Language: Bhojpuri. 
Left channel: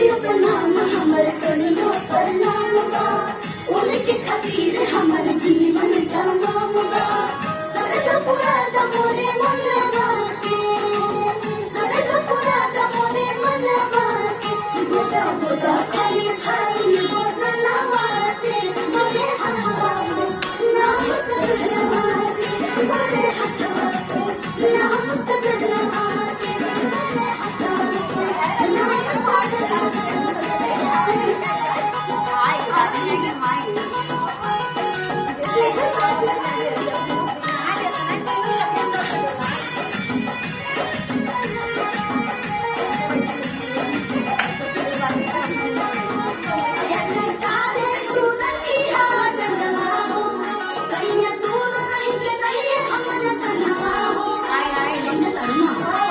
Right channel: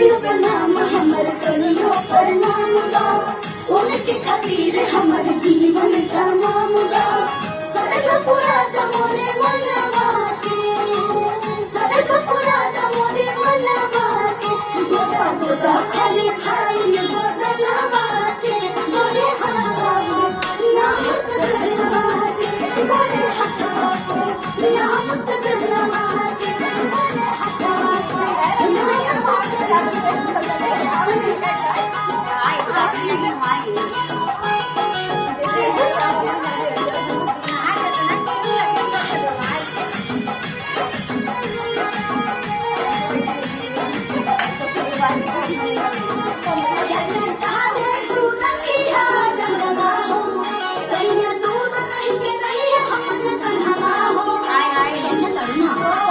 शुभ नाम हमर सुनियो प्रणाम बा उनके खातिर हमर जीवन तमाम बा सकल पुरा मोरे मन